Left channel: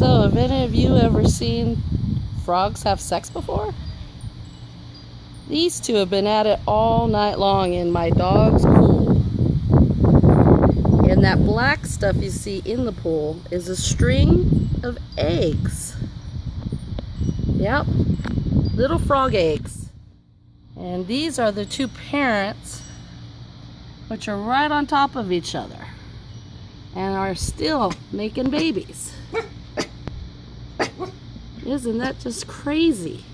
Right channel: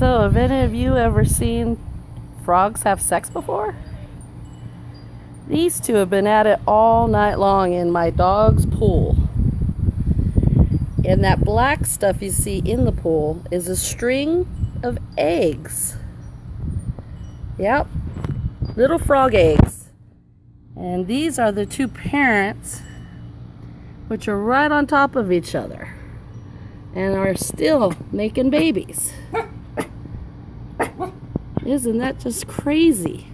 So, have any of you ever seen frogs have sex before? These two have been at it all night long in my dog's pool. And that black stuff you see in the pool is a string of eggs. Yep, little frog eggs. And these are the two parents, which are right on top of each other and are still making babies. Isn't that just crazy?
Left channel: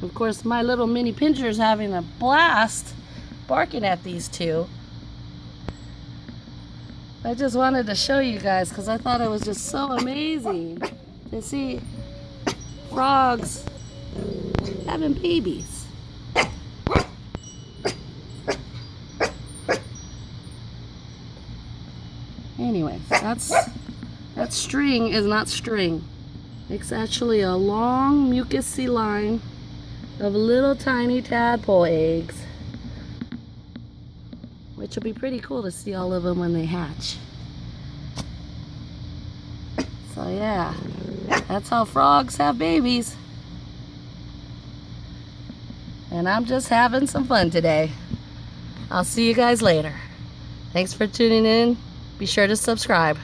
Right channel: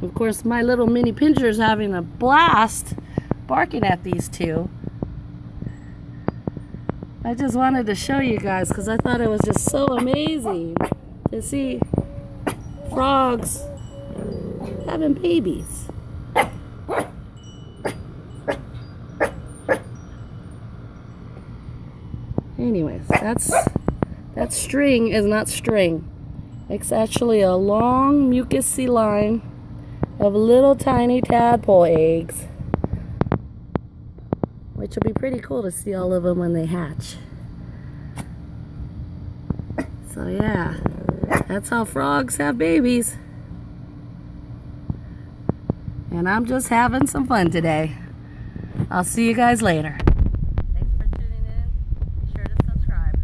Of course, my little mini pinscher is having a blast barking at these two. I just wanted to show you guys because I thought it was just so amazing to see frogs having babies. Anyways, that string is not string. It's actually a long mucousy line of little tiny tadpole eggs, which will be pretty cool to see all of them when they hatch. So yeah, that's how frogs have babies. And I'm just having some fun today. I'll see you guys later. Thanks for tuning in. Be sure to subscribe.